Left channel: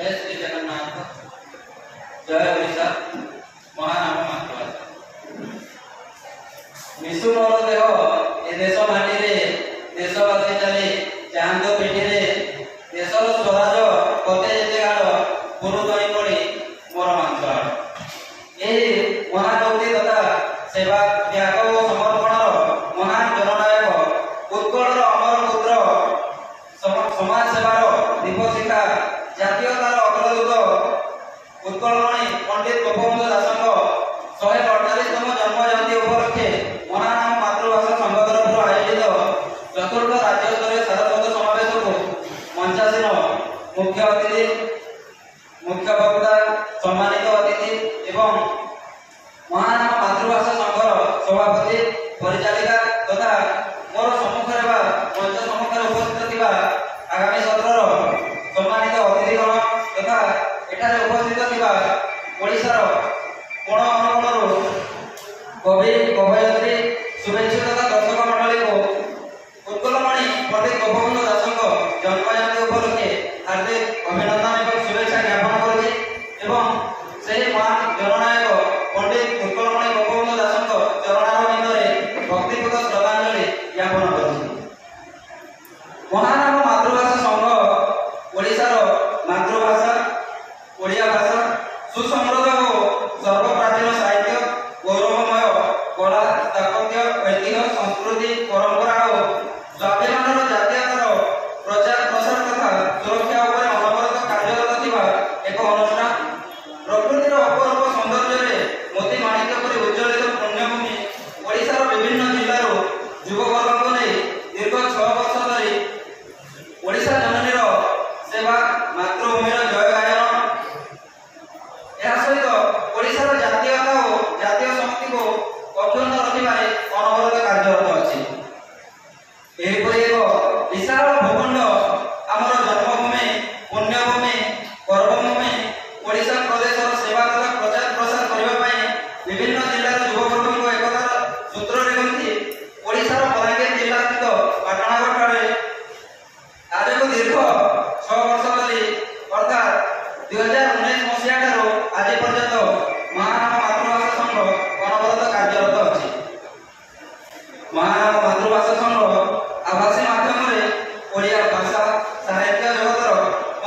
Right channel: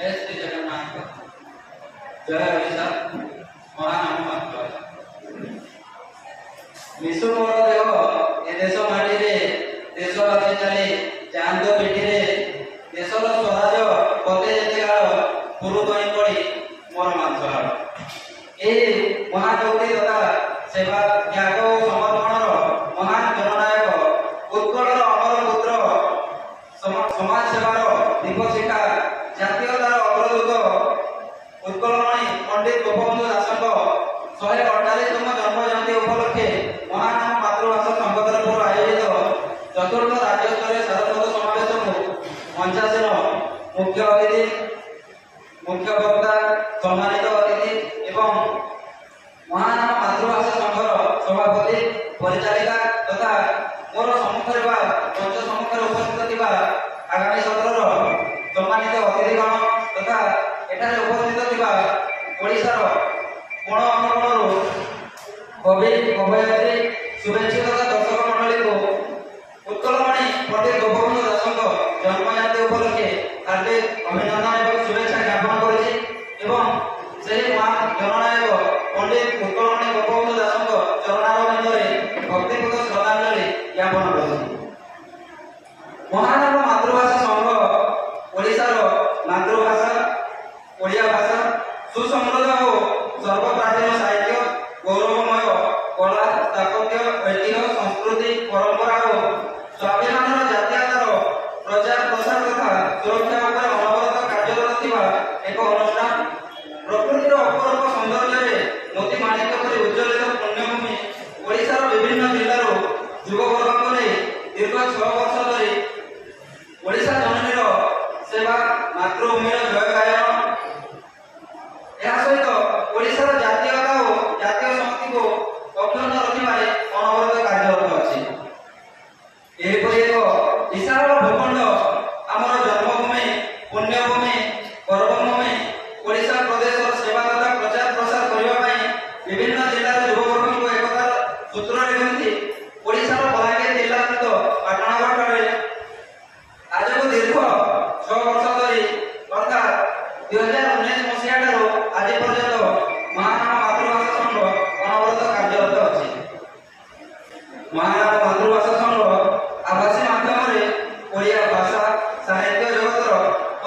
जय श्री जगन्नाथ। जय ओडिशा महानाम मातृभाषा। मिशु मोर देह ए देश माटी रे देशवासी चले चांद पेटी रे देशर स्वराज पते जगार गुरु दई पड़ी मोर मांसहार। ए महाकवि तथा सेवा त्याग और समर्पणर महान जननायक उत्कलर अमर पुत्र समाज सेवार दीपशिखा जातीयतार अग्रदूत उत्कलमणि पंडित गोपबंधु दासଙ୍କ 148तम जन्म जयंती उपलक्षे महानाम मातृभाषा संघ तरफ आयोजित चतुर्थ राज्य स्तरीय सारस्वत समावेश को मंचासीन मुख्य अतिथि मुख्य वक्ता सम्मानित अतिथि एवं महानाम मातृभाषा संघर सभापति परिचालिका तथा मोर सम्मुखें मंच सम्मुखें उपस्थित थिबा आगामी सत्रर सम्मानित अतिथिगण तथा एठारे उपस्थित थिबा ओडिशार कोण अनुकोणरू कवि कवयित्री शुभेच्छु तथा दर्शक मंडली को उत्कलमणि पंडित गोपबंधु दासଙ୍କ जन्म जयंती उपलक्षे हार्दिक अभिनंदन एवं शुभेच्छा ज्ञापन करुछि एवं ସେହି महान जननायक पंडित उत्कलमणि गोपबंधु दासଙ୍କ चरणारविंदरे भक्तिपूत श्रद्धांजलि ज्ञापन करुछि। महानाम मातृभाषा संघ ओडिशार मातृभाषा ओडिया भाषा सुसमृद्ध और सर्वप्राचीन साहित्य गौरवमय कला स्थापत्य ऐतिह्य संस्कृति परंपरा और स्वाभिमान जातीयतार प्रचार प्रसार तथा सुरक्षा उपर अनवरत कार्यरत थिबा एक अनुष्ठान। प्रकृतिर अपूर्व सौंदर्य मोती माणिक्य परि उज्ज्वलित पुण्यभूमि ओडिशार विभिन्न जिल्लारू युववर्ग नहीं दीर्घ 6 वर्ष धरी ओडिशा जननीर सेवा मातृभूमिर जय गायन यह सहित ओडिशार जातीयता और जातीय संस्कृति को अक्षुण्ण रखिबारे अनवरत कार्यरत अछि। एहिपरि एक विशाल भूखंड आमर जन्मभूमि पुण्यभूमि कर्मभूमि ओडिशा प्रदेशर सेवा तथा प्रचार प्रसार करबा पई विभिन्न जिल्लार युववर्ग एकतार सूत्ରରେ गंथि ओडिशार बलांगीर जिल्ला स्थित पाटणागढ़ ठारे आज को दीर्घ 6 वर्ष धरी अर्थात 2019 मसीहा ठारू आज पर्यंत महानाम मातृभाषा संघ अनवरत कार्यरत अछि। महानाम मातृभाषा संघ आभासी माध्यम ओडिया भाषा साहित्य जगतर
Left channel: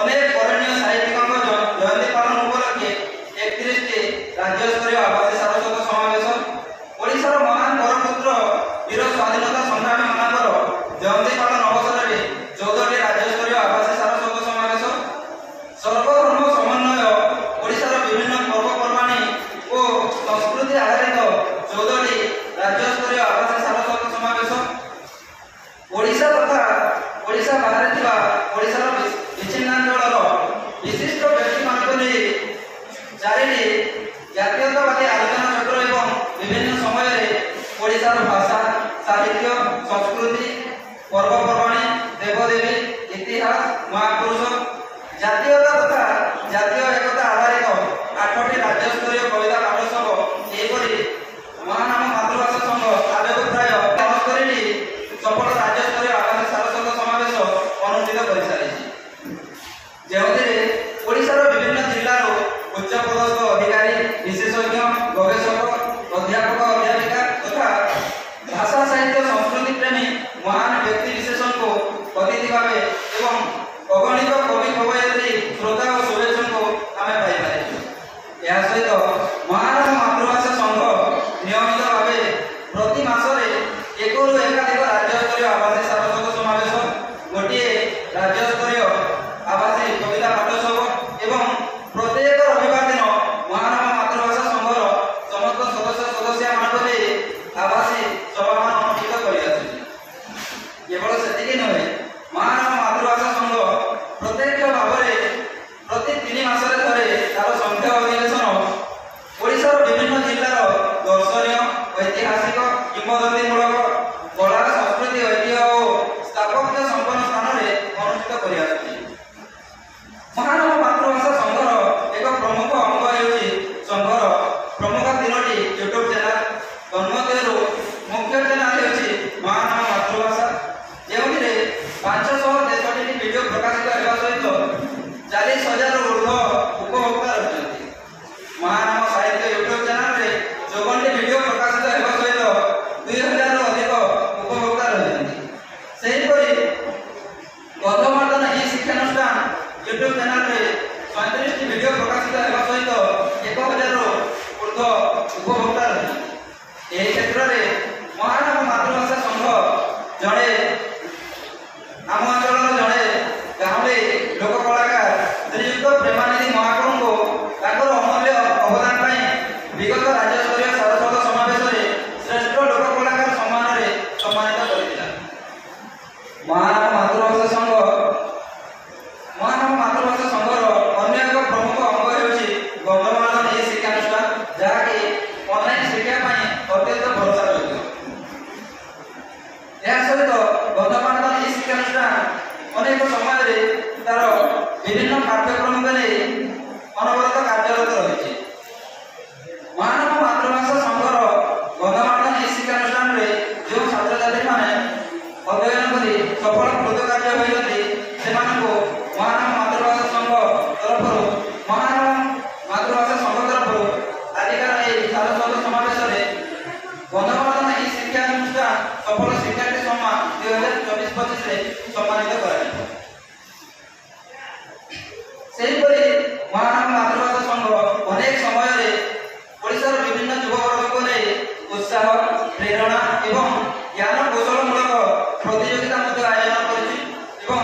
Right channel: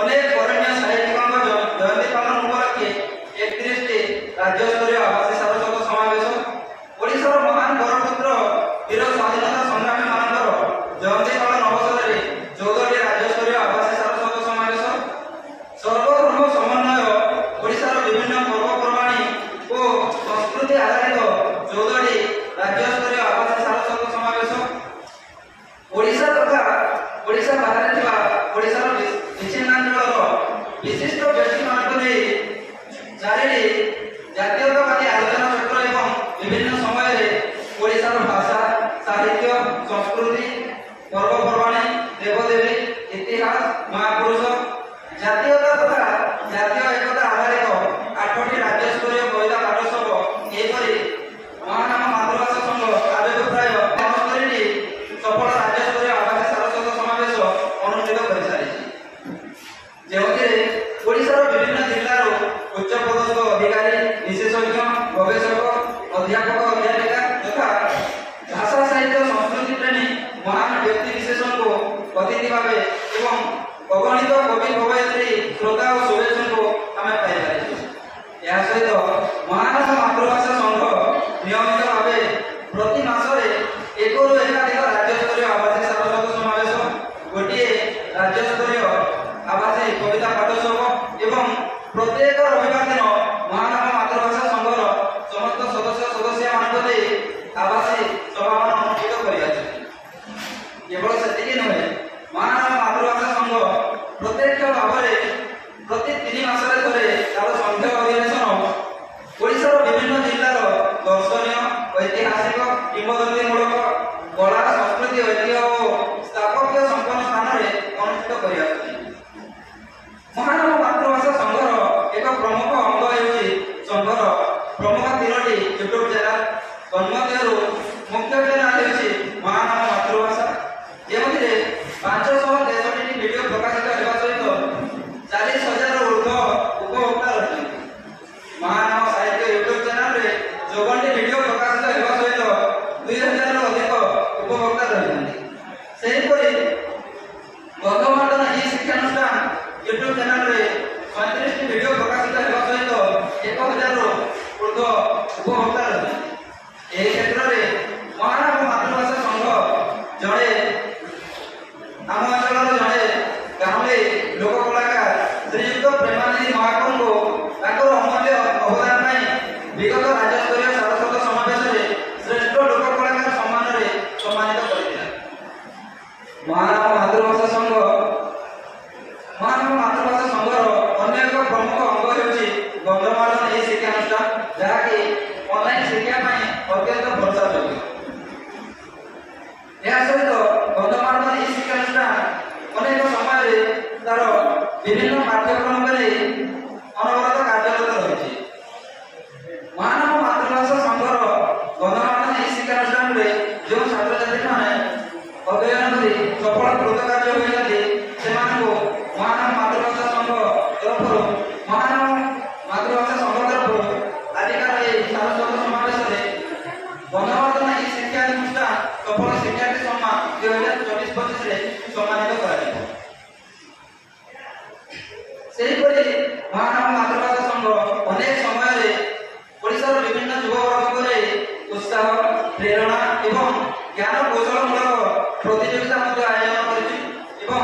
अनेक बरेण्य साहित्यिकଙ୍କ जयंती पालन उपलक्षे 31टी राज्य स्तरीय आभासी सारस्वत समावेश ओडिशार महान बरपुत्र वीर स्वाधीनता संग्रामी मानकर जयंती पालन अवसर 14टी राज्य स्तरीय आभासी सारस्वत समावेश सर्वधर्म समन्वय ओडिशार विभिन्न पर्वपर्वाणी और संस्कृति आधारित 14टी राज्य स्तरीय आभासी सारस्वत समावेश ओडिशा तथा ओडिशा बाहर थिबा ओडिशार विच्छिन्नांचलर विशिष्ट व्यक्तिମାନଙ୍କୁ ନେଇ 4ଟି ଜାତୀୟତାବାଦୀ ଆଲୋଚନା ଚକ୍ର ଏବଂ विभिन्न समय ओडिशार भाषा साहित्य संस्कृति पर्वपर्वाणी देवदेवी इतिहास महापुरुष जातीयता तथा जातीय एकता आधारित 8टी राज्य स्तरीय कविता पाठोत्सव एपरि महानाम मातृभाषा संघ आजକୁ ପ୍ରାୟ 69ଟି सफल राज्य स्तरीय आभासी सारस्वत समावेश अनुष्ठित କରିସାରିଛି। ଯେଉଁଥିରେ ओडिशार विभिन्न जिल्लाରୁ उच्चपदस्थ अधिकारी विशेषज्ञ गवेषक अध्यापक अध्यापिका तथा भाषा साहित्य संस्कृति प्रेमी महान व्यक्ति विशेषण को अतिथि भावे एवं अगणित कवि कवयित्री श्रोता और शुभेच्छुओं को आमे पाइपारिछु। यह सहित महानाम मातृभाषा संघ नियमित भावे प्रति मासरे एकरू एकाधिक राज्य स्तरीय आभासी सारस्वत समावेश गोटे राज्य स्तरीय आभासी कविता पाठोत्सव एवं यूट्यूब चैनल रे 37 टी वीडियो प्रकाशित हेबा सहित 1000 रु ऊर्ध्व उपभोक्ता रही। एही क्षेत्र रे महानव मातृभाषा संघ जड़े आम अंचल जड़े गाँवे लोक कलाकार श्रीयुक्त प्रेमानिधि महाकुंभ को अमूल्य अवदान विगत राज्यस्तरीय सारस्वत समावेश में श्रेष्ठ लोक कलाकार सम्मान में सम्मानित कर महानव मातृभाषा संघ अन्य एक प्रमुख अंग होउछि गंधमार्दन ए शिक्षानुष्ठान जहाँकि ऑनलाइन शिक्षा अत्यंत भरोसा योग्य। यह सहित गंधमार्दन ए शिक्षानुष्ठान अनेक समय तार विभिन्न पाठ्यक्रम अनवरत कार्यरत रही। महानव मातृभाषा संघर गंधमार्दन ए शिक्षानुष्ठान जो छात्र छात्री मैंने अध्ययन कर सफल कृतकार्य होती से महानव मातृभाषा संघ तरफ महानव मातृभाषा संघ तरफ आजिकार ये सारस्वत समावेश में गंधमार्दन ए शिक्षानुष्ठान सफल शिक्षार्थी सम्मान 2024-25 सम्मानित कर महानव मातृभाषा संघ अनेक समय ओडिशार विभिन्न युववर्ग उत्साह प्रेरणा एवं ज्ञान कौशलमूलक प्रतियोगिता आयोजन कर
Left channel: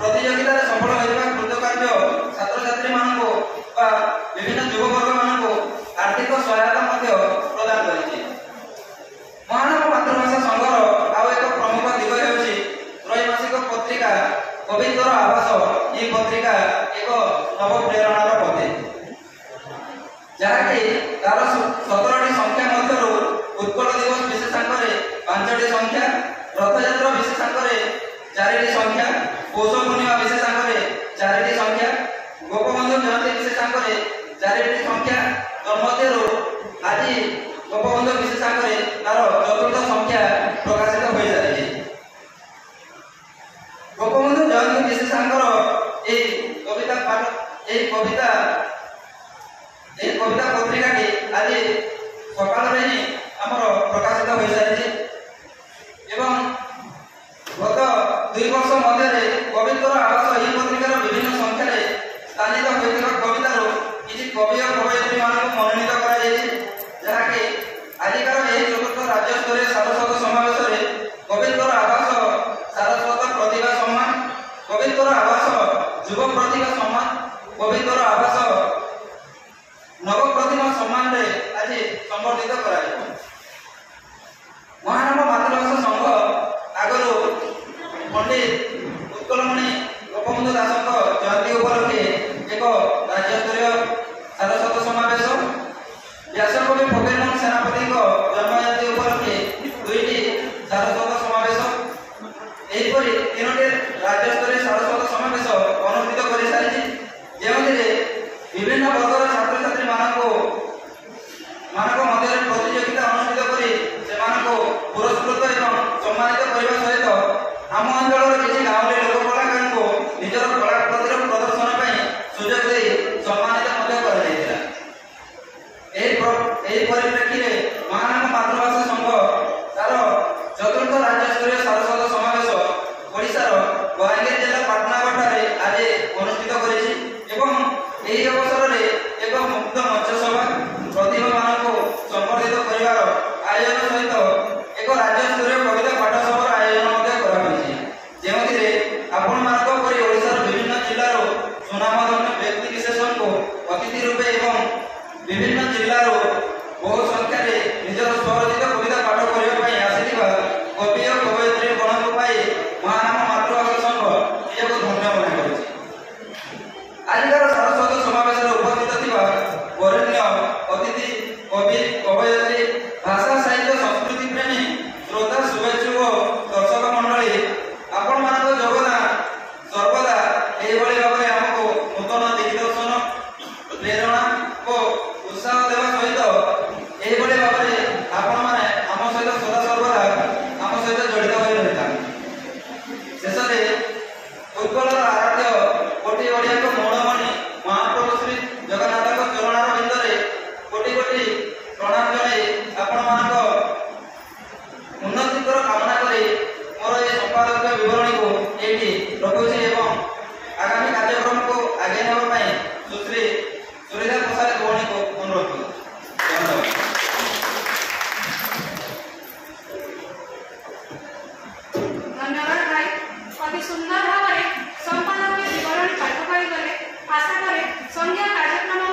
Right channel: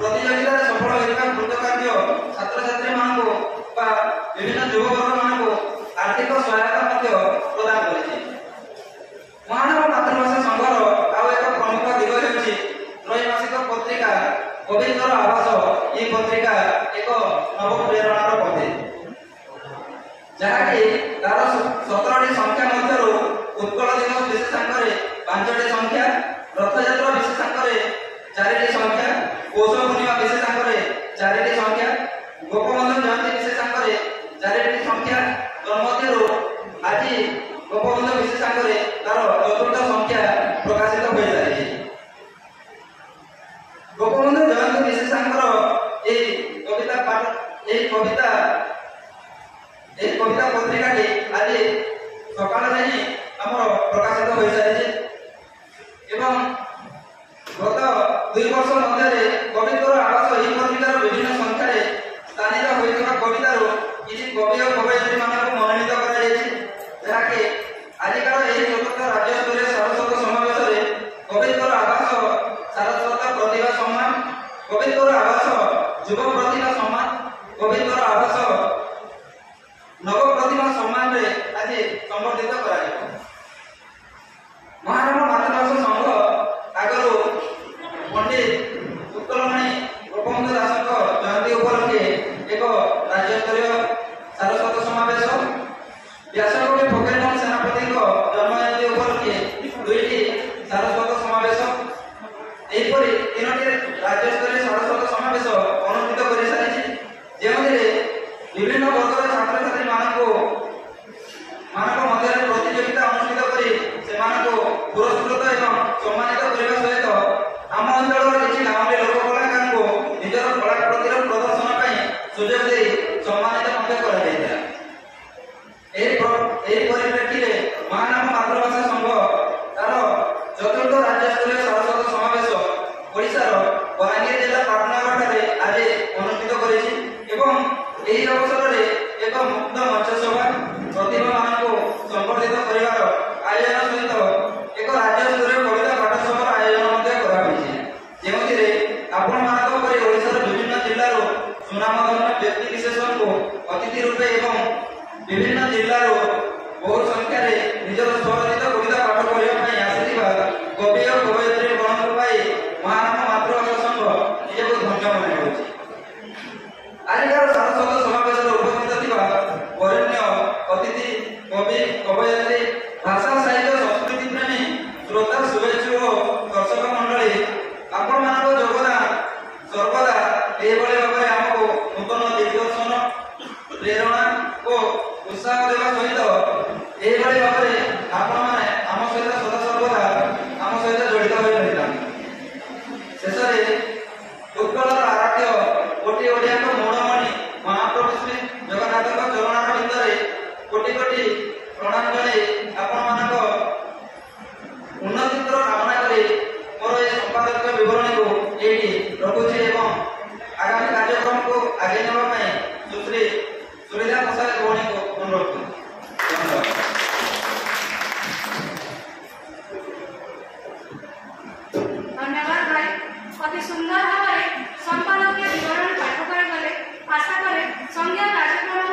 प्रतियोगिता सफल होगा कृतकार्य छात्र छात्री विभिन्न युववर्ग मान आर्थिक सहायता प्रदान कर महानव मातृभाषा संघर आउ एक प्रमुख दिग होउछि त्रैमासिक पत्रिका कविंदर आवास। ये पत्रिका एक नव प्रेरणार पथे जहाँकि तार 17टी संख्या मध्य उत्कल दिवस विशेषांक 5टी संख्या रथयात्रा विशेषांक 4टी संख्या पौष पूर्णिमा विशेषांक 4टी संख्या गोपबंधु जयंती विशेषांक 4टी संख्या तन्मध्यरु आज गोपबंधु विशेषांक तार चतुर्थ संख्या प्रकाशित हो जाए। गोपबंधु जयंती विशेषांक कविता पत्रिका आज सकाल में ही आमर प्रकाशित हो सारी एवं गत 2 वर्ष मध्य कविंदर आवास यह पत्रिकार विभिन्न संख्यार स्थानित होता कवितार किसी कवि और कवयित्री मान मनोनीत कराकि आजिकार यह चतुर्थ राज्यस्तरीय सारस्वत समावेश में कविंदर आवास सारस्वत प्रतिभा सम्मान कविंदर आवास युव प्रतिभा सम्मान कविंदर आवास नव प्रतिभा सम्मान आज संबर्धित कर महानव मातृभाषा संघ आगु पंडित उत्कलमणि गोपबंधु दास जयंती उपलक्षे एक राज्यस्तरीय सारस्वत समावेश व्यासकवि फकीरमोहन सेनापति जन्म जयंती उपलक्षे 2टी सारस्वत समावेश एहीपरि 3टी राज्यस्तरीय सारस्वत समावेश अनुष्ठित कर सारी विभिन्न वर्गर छात्र छात्री मध्य प्रतियोगिता अनुष्ठित कर पुरस्कृत एवं सम्मानित करने सहित आम अंचल किसी गाँव लोक कलाकार को निजर कलाकृतिर प्रदर्शन सुजोग दे सम्मानित परिप्रेक्षी में महानव मातृभाषा संघ तार चतुर्थ राज्यस्तरीय सारस्वत समावेश ओडिशार बलांगीर जिला पाटनागढ़ आज अनुष्ठित कर अवसर में एक मुक्त मंच सभा प्रतिभा मान संबर्धित कर आयोजन सहित एक राज्यस्तरीय कविता पाठ सभा आयोजन आपण ओडिशार विभिन्न जिल्लार सुनामधन्य व्यक्ति विशेषण को अतिथि रूपे एवं विभिन्न जिल्लार बहु संख्यार निजर स्वरचित कविता पाठ करने आसिथिबा कवि और कवयित्री गणक महानव मातृभाषा संघ निजक धन्य मन आजिकार सारस्वत समावेश उपस्थित थिबा वरेण्य अतिथि कवि कवयित्री भाषा साहित्य संस्कृति प्रेमी श्रोता शुभेच्छुक दर्शक मंडली आपण मानक योगदान सर्वदा एभली भाव आमको नूतन दिग्दर्शन प्रेरणा और उत्साह देवा सहित एभली भाव आपण माने आम सहित सदा सर्वदा आम सहित जड़ित हो रहिता शेष उत्कल आराध्य कोटि ओडिया मोड़मणि महाप्रभु श्री अति सुंदर भाव में संपादक विवरण पाठ कर गले। आशा करे संध्या कार्यक्रम